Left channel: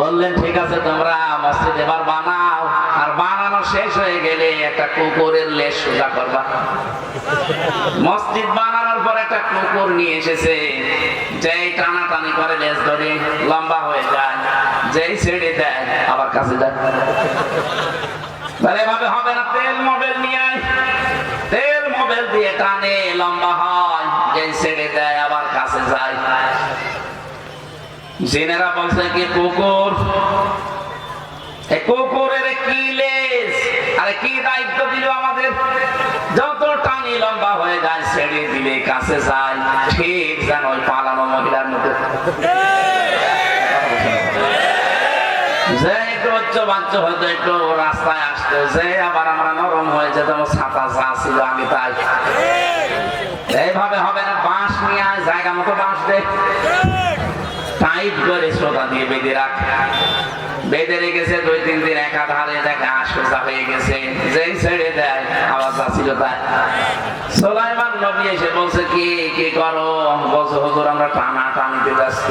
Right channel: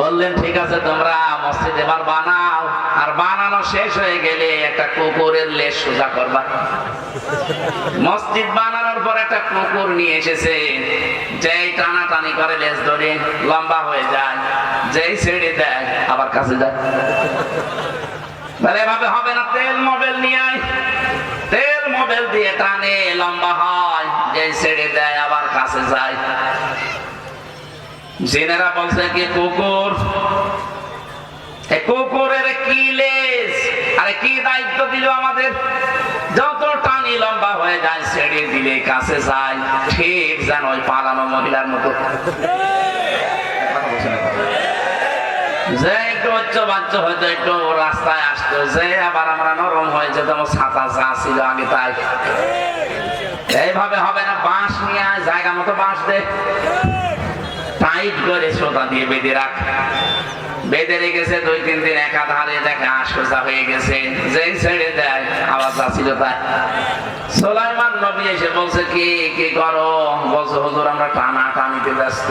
বললেন, ঠিক আছে তোমরা মসজিদ এবার বানাও, আর বানানো শেষ হয়ে গেলে একটা কুকুরের লেজ সোজা করবা। মসজিদ বানানোর পর একটা কুকুর নিয়ে এসেছে, যেই টানাটানি করে লেজ ধরে লম্বা হয়ে যায়, যেই ছেড়ে দেয়, আবার কাছে যায় তাহলে এভাবে হবে না, তেল মোবাইল নিয়ে আয়। তেল মোবাইল দিয়ে টানে, লম্বা হয়, যেই ছেড়ে দেয়, আবার কাছে যায়। জেনেরা বলছে কি কুকুর? কুকুরের কি লেজ? আরে কি দায়িত্ব দিল আমাদের? যত টানি লম্বা হয়ে যায়, ছেড়ে দিলে কাছে যায়। ঠিক যেন ওই পালানো মহিলার মতো। যে একটু উচ্চ বাচ্চ হয়তো একটু রাস্তায় আসতো, যে আবার আমরা নরম হয়ে যেতাম ছাতা যা ছিল আগে তাই। এইভাবে হবে না, বাঁশ নিয়ে আয়, জায়গা মতো বাঁশ দে। টাইট করে সোতা দিয়ে বেঁধে রাখ। বেঁধে রেখেছে, দুই, তিন দিন একা ধারে দেখে সোজা হয়ে গেছে। যেই ছেড়ে দেয়, আওয়াজ যা ছিল তাই সোলাইমান নবী এসে বলছে, কি কি করো? বলছে, হুজুর, আমরা টানা টানিতে ব্যস্ত।